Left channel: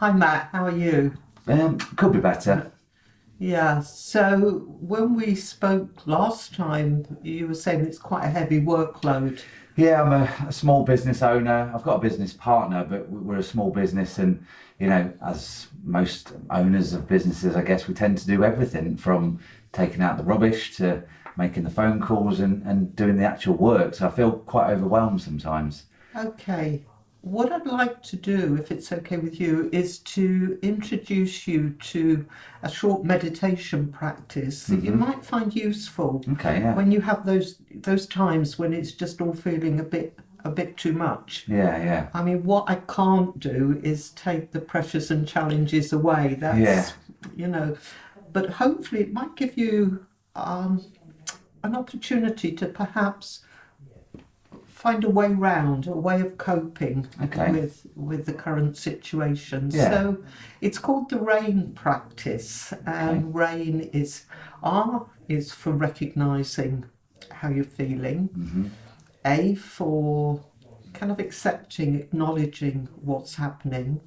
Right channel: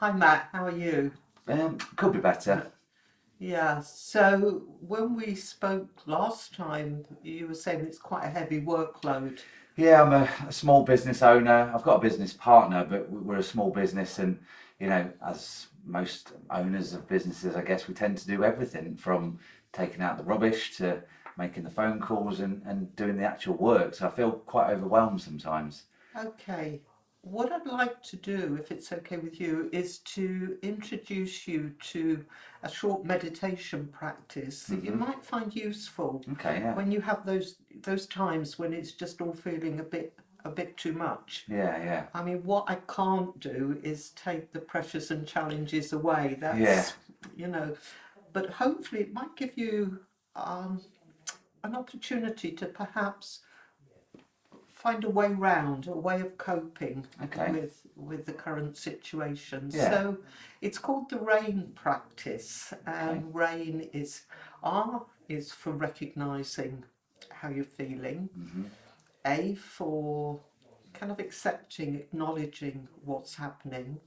Hi Matt, how are you? Could be better. Yeah, so when we spoke last time, you were saying it's quite a heavy workload. Yeah, I'm a small business owner. I've got a business partner, but we're a small business, and as most owners of businesses, I guess we tend to do everything from taking out the rubbish to making the phone calls and doing the actual work. So I feel quite overwhelmed sometimes. Okay, what I'd like to do, if it's okay with you, is to introduce you to a short meditation practice that you might find useful Okay, yeah, when you have those times when it's just all feeling a bit too much. yeah, yeah, I mean, what I can't do is take the pressures and challenges away. yeah. You know, but hopefully it might give you um, an opportunity to perhaps find a way round, a way of coping Okay, with the current situation. yeah, So it's called the RAIN practice, okay, and RAIN is R is for recognizing how you're feeling, A for kind of accepting, acknowledging what's happening.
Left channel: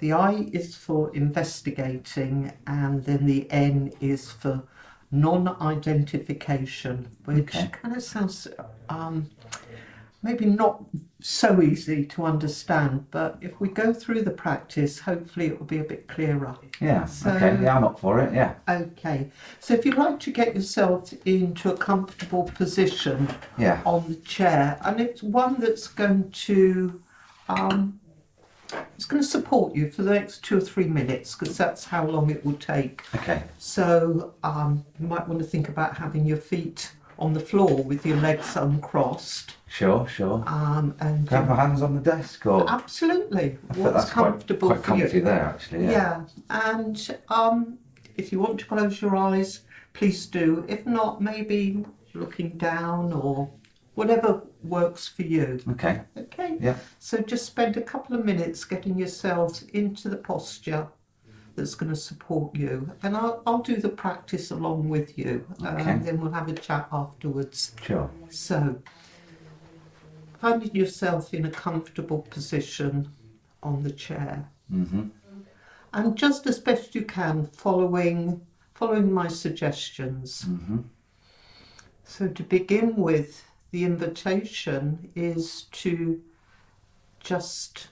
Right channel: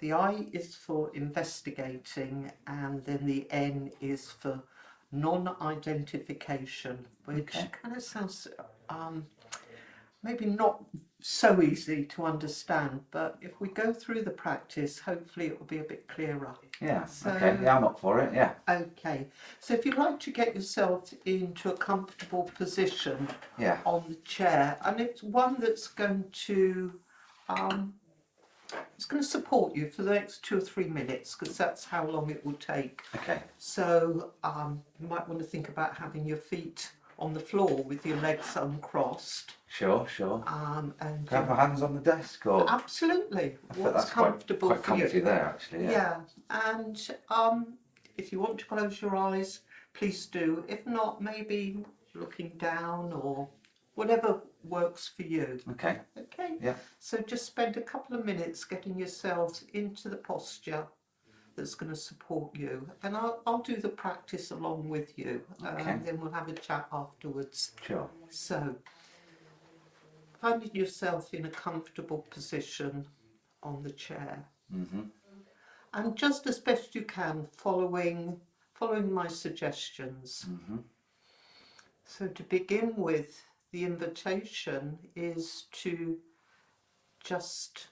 The I is for investigating, and then the N is for non identification, which okay. kind of sounds um, maybe not so easy to understand, but if we go through the practice, hopefully it will be a bit clearer. Yeah, okay, So, yeah, I'm up for it. Yeah, okay, so if you'd like to get yourself into a comfortable position yeah, on the chair, and it's one that's going to um, it's going to support you for the next 2 or 3 minutes because that's how long it will take. okay. So you might want to think about having your feet on the floor with your legs uncrossed. Sure, sure. And Can I have my hands on the desk or? absolutely, I think what's that's quite comfortable quite for comfy you. there, actually. Yeah. Yeah, and if you want to close your eyes, please do. If not, maybe looking down or whatever works for you. Okay. Okay, Yeah. so just spend a couple of minutes getting yourselves into the posture that's going to support you, and I'll do the practice along with you, Okay. then we'll have a chat afterwards. Sure. So, finding yourself in a comfortable position on the chair, and just as best you can, following my suggestions. So, to begin with, the invitation is to just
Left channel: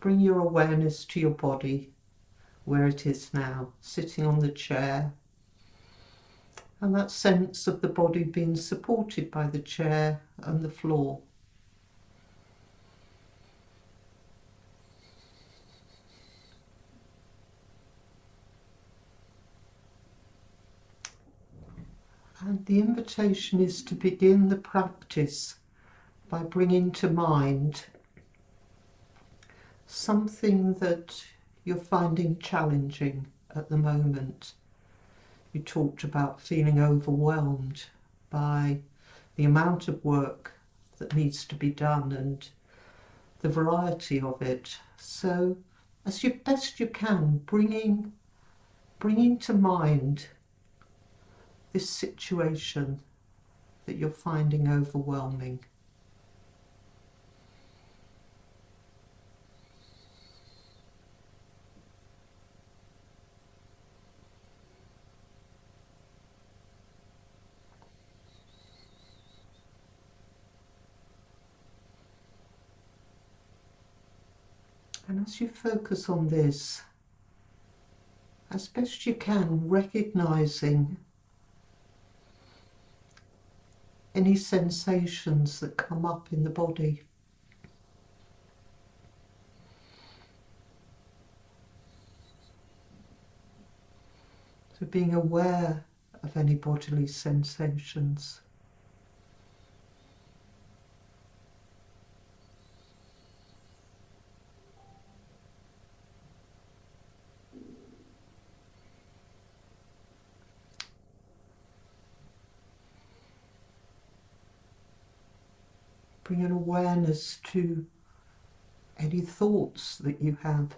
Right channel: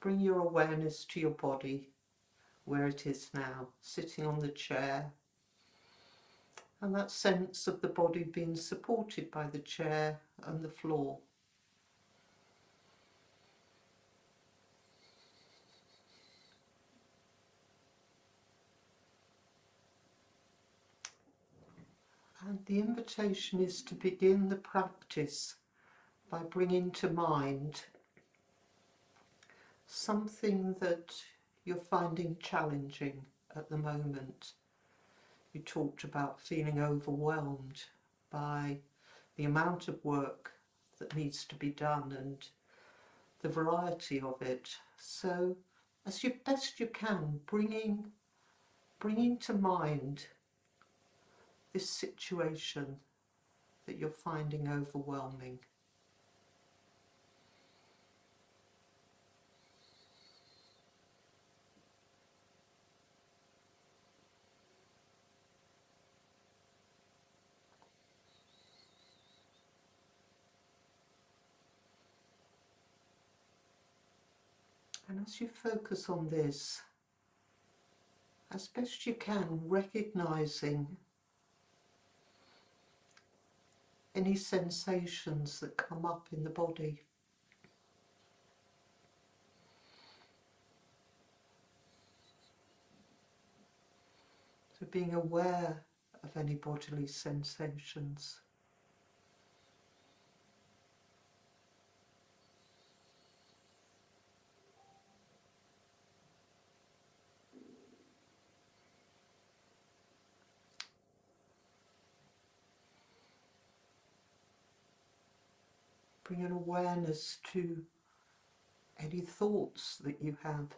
bring your awareness to your body where it is now, sitting on the chair, and that sense of the body being supported by the chair and the floor. And the invitation is to begin the practice by bringing to mind something that you're finding challenging at the moment. You talked about feeling overwhelmed by the amount of work that needs to be done and the variety of it. So, as best you can, bringing to mind this situation that you're finding overwhelming. And as you focus on this, as best you can, recognizing any sensations that come up in the body. So being aware of any bodily sensations. Bring an awareness to any thoughts that you have.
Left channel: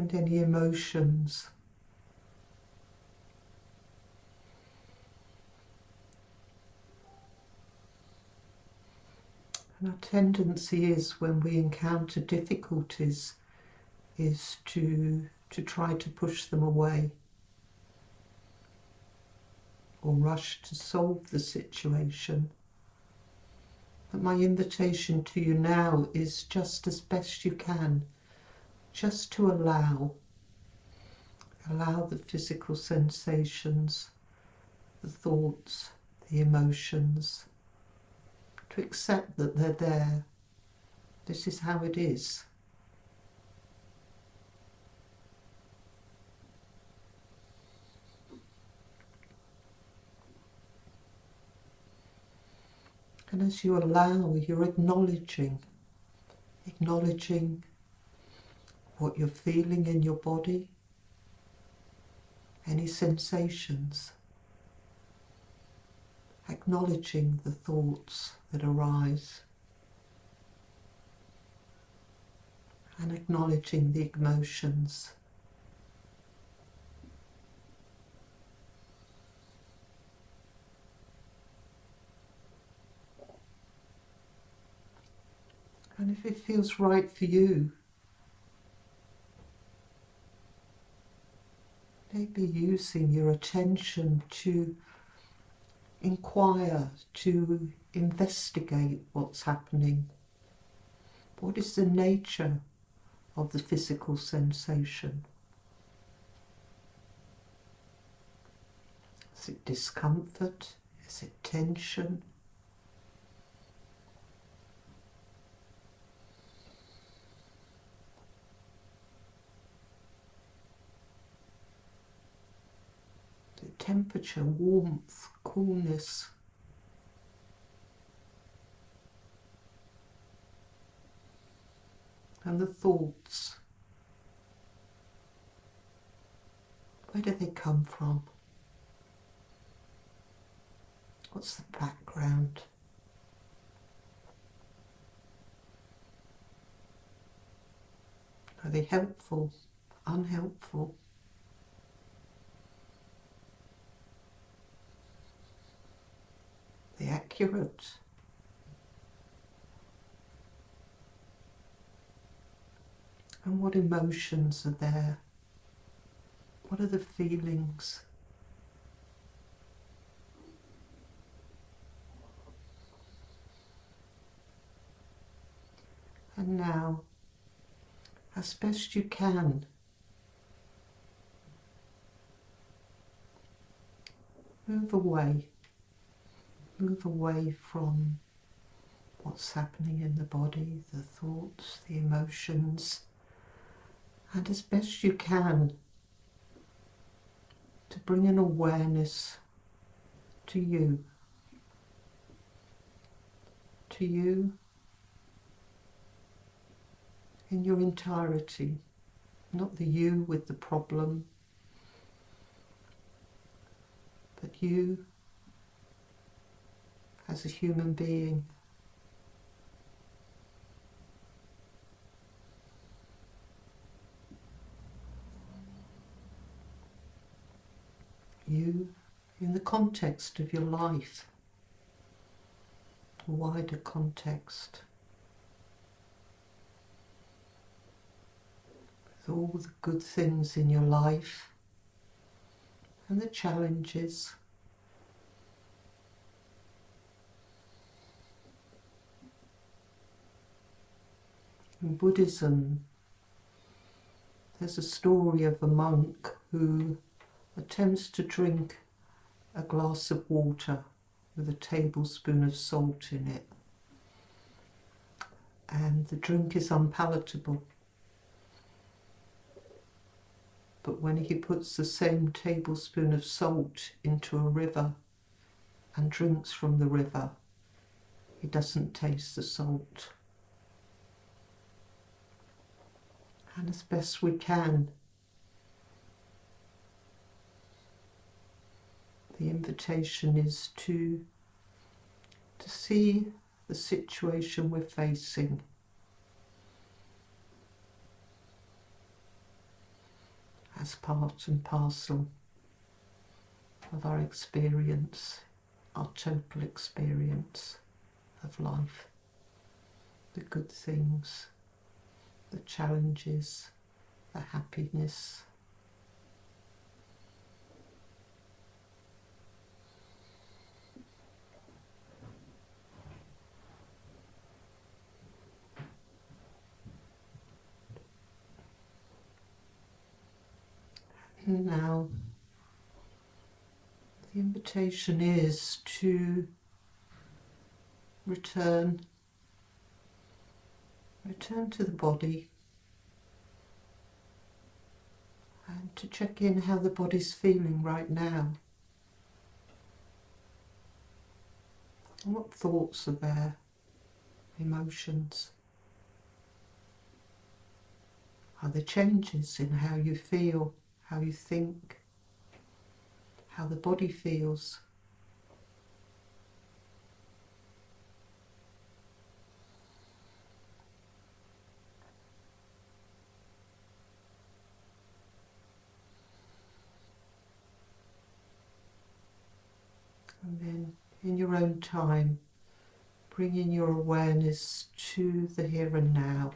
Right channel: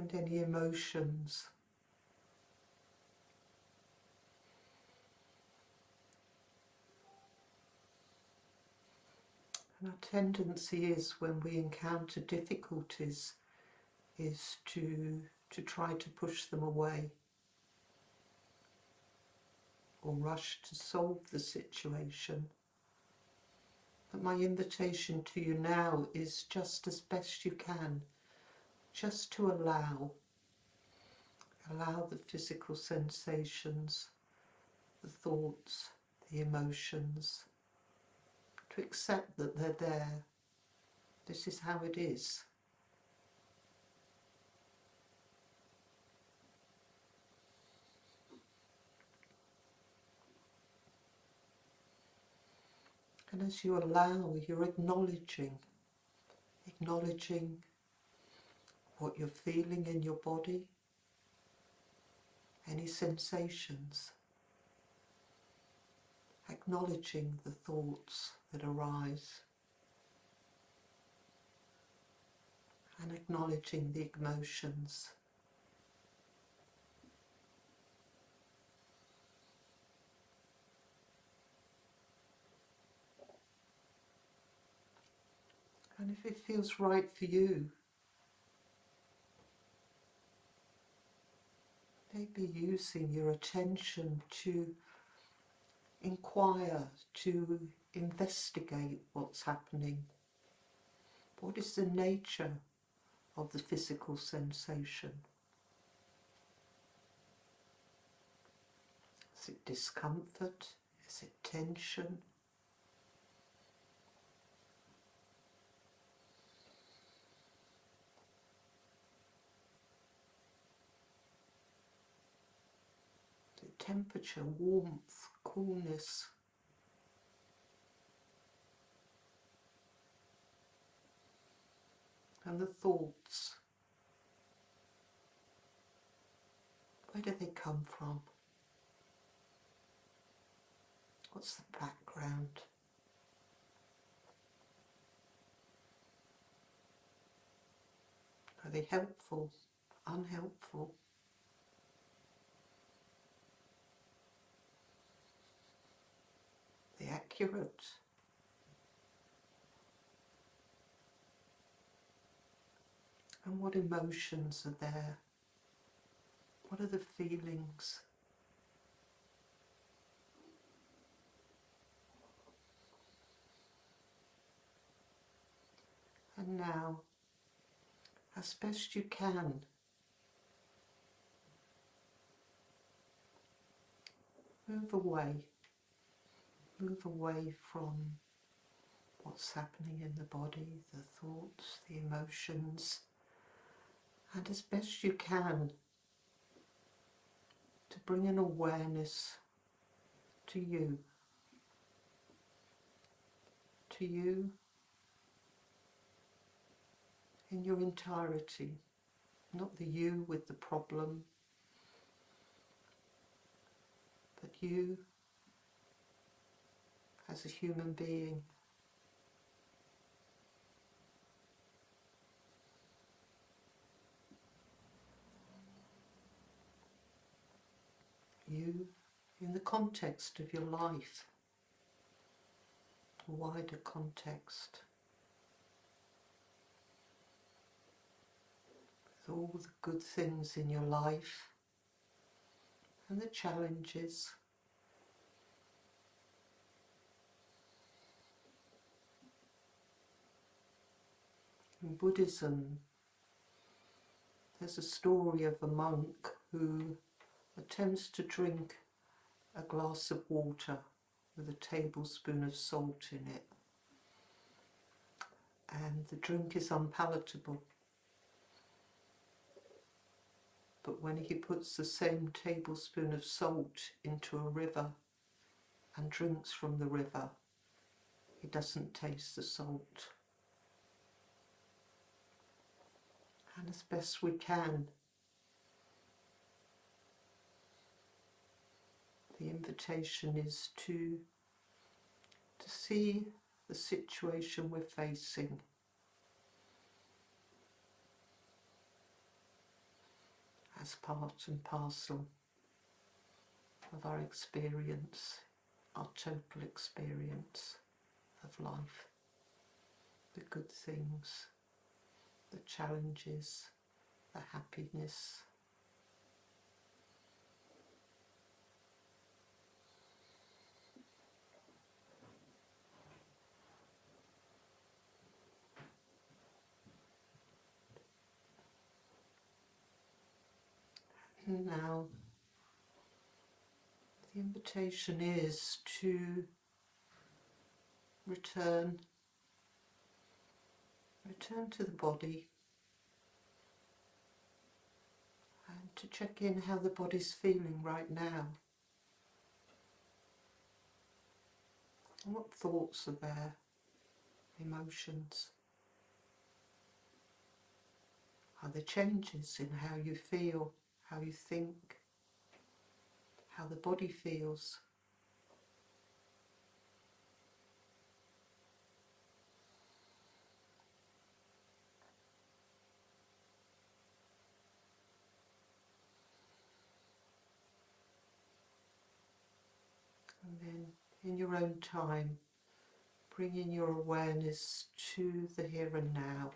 and any emotions. And our tendency is, when we encounter difficulties, is to try to push them away or rush to solve the situation. But my invitation to you now is, just as best you can, just to allow the physical sensations, the thoughts, the emotions, to accept that they're there. This is how it is. And as you allow, you're acknowledging what you're feeling in your body, any sensations, acknowledging the thoughts that arise, and acknowledging the emotions. And if it feels right for you, maybe using your attention to inquire, to investigate what's happening. What is the nature of the physical sensation? Is it discomfort? Is it tension? Is it temperature, warmth, coolness? And the thoughts, where do they come from? What's the background? Are they helpful, unhelpful? Are they accurate? And what emotions are there? What are the feelings? And now, as best you can, move away from what's happening in the body, the thoughts, the emotions, and as best you can, to bring an awareness to you in your entirety, not the you with the problem, but you as a human being. You in the context of your life, a wider context, with all the good things in your life and the challenges. In Buddhism, there's a story of a monk who attempts to drink a glass of water with a tablespoon of salt in it, and the drink is unpalatable. But when he puts the same tablespoon of salt into a river and drinks from the river, he doesn't taste the salt. And as best we can, the invitation is to see the situation we're facing as part and parcel of our experience, our total experience of life. The good things, the challenges, the happiness. And now the invitation is to return to the body and to check in how the body's feeling right now. And what thoughts are there, emotions? Are there changes in how you feel, how you think, how the body feels? And then, in your own time, bringing your awareness to the here and now.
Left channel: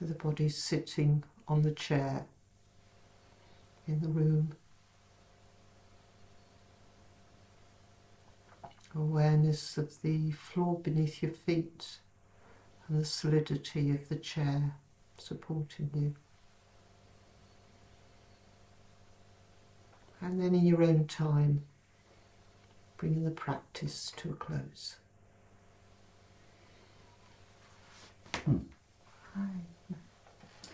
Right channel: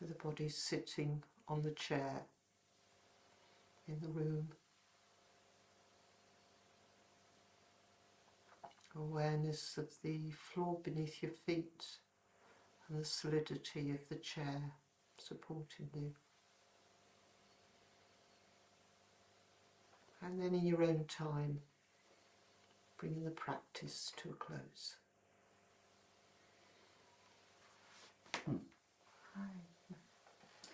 The body's sitting on the chair in the room. Awareness of the floor beneath your feet and the solidity of the chair supporting you. And then in your own time, bringing the practice to a close. Hi.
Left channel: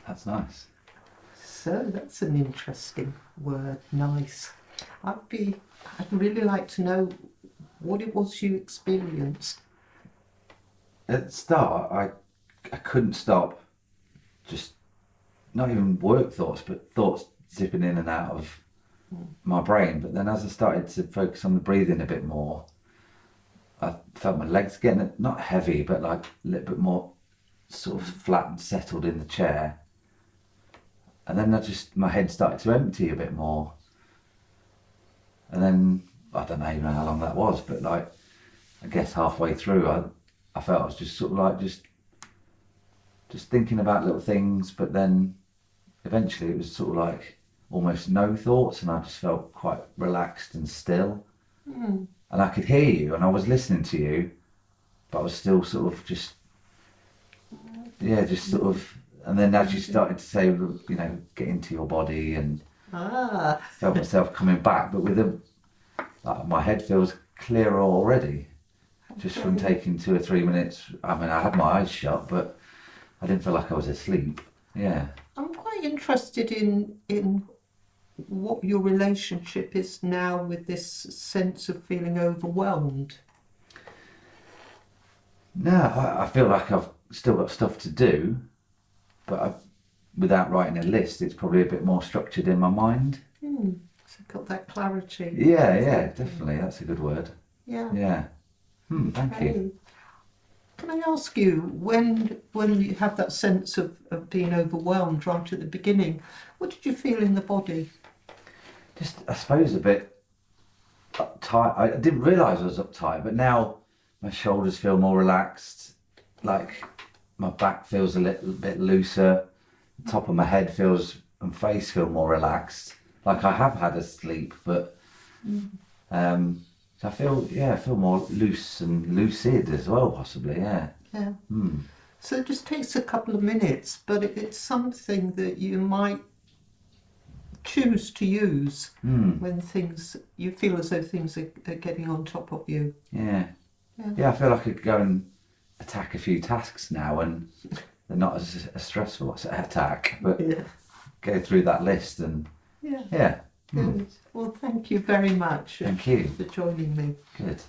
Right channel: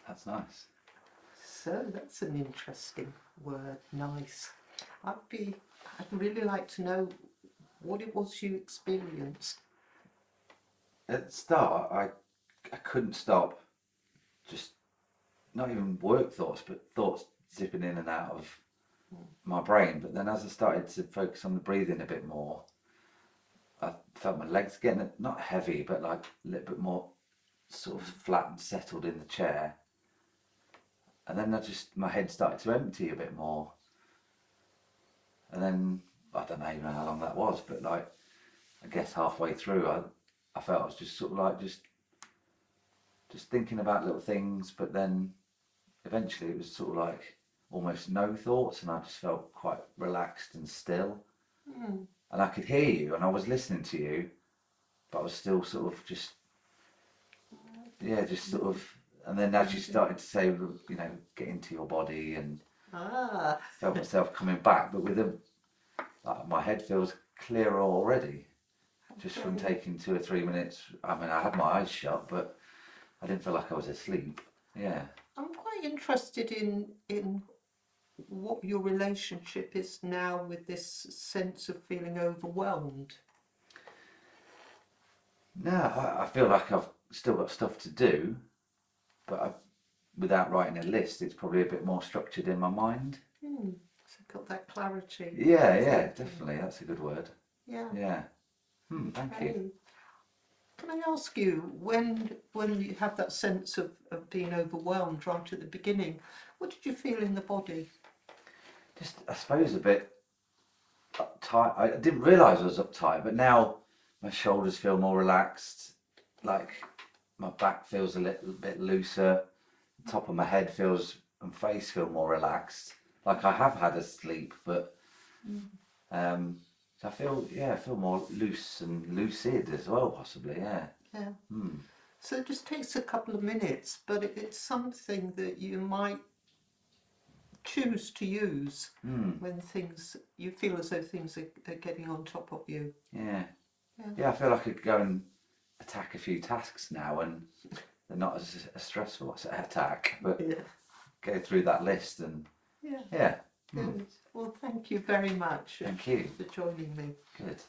That's nice. So that's an interesting word, nice. I'd really like to know what it was you experienced. At the start, I couldn't stop, just not even work thoughts, but thoughts zipping in and out of my brain. But then as I started to focus on the breathing a bit more, I felt my legs getting not heavy, but like a little bit more sort of flat and settled in the chair. And then my head started to empty a bit more. And then, I don't know even how long that was, but like, I guess halfway through, I felt I was just sort of like, just thinking about little things, but then eventually it was sort of like almost no thoughts, and I just felt quite relaxed and still. And I could hear you, and I was listening to you, but I was still sort of just sort of, and then as you started to say, get into your body, and felt myself coming back, but with my head feels clearer already, just from taking 2 or 3 minutes. I mean, I had my eyes shut, but I didn't feel like I was asleep. Yeah. I'm quite interested in what your relationship is now with this sense of feeling overwhelmed. No, I feel like I've still got stuff to do, but without writing a list, it's probably a bit more structured in my mind. So got that clarity. Yeah, definitely. That's a good word. Yeah. Thank you. Can I ask you, when you have that sense of being overwhelmed right at the beginning, what did you feel in the body? Just, I suppose, a bit uptight. I didn't realise I was uptight, but now my shoulders feel more relaxed, like my back feels a little bit looser, the top of my head and face feel more relaxed, like I have had a sleep, but so I feel more loose and lucid as well, possibly, yeah. So it just takes a couple of minutes, but it's something that you might choose to use when you feel as though things are getting on top of you. Yeah, I feel like I could go and attack a few tasks now, and they're not as a stressful attack, but go through that list and Good. Well, thank you very much. Thank you for joining me. Good.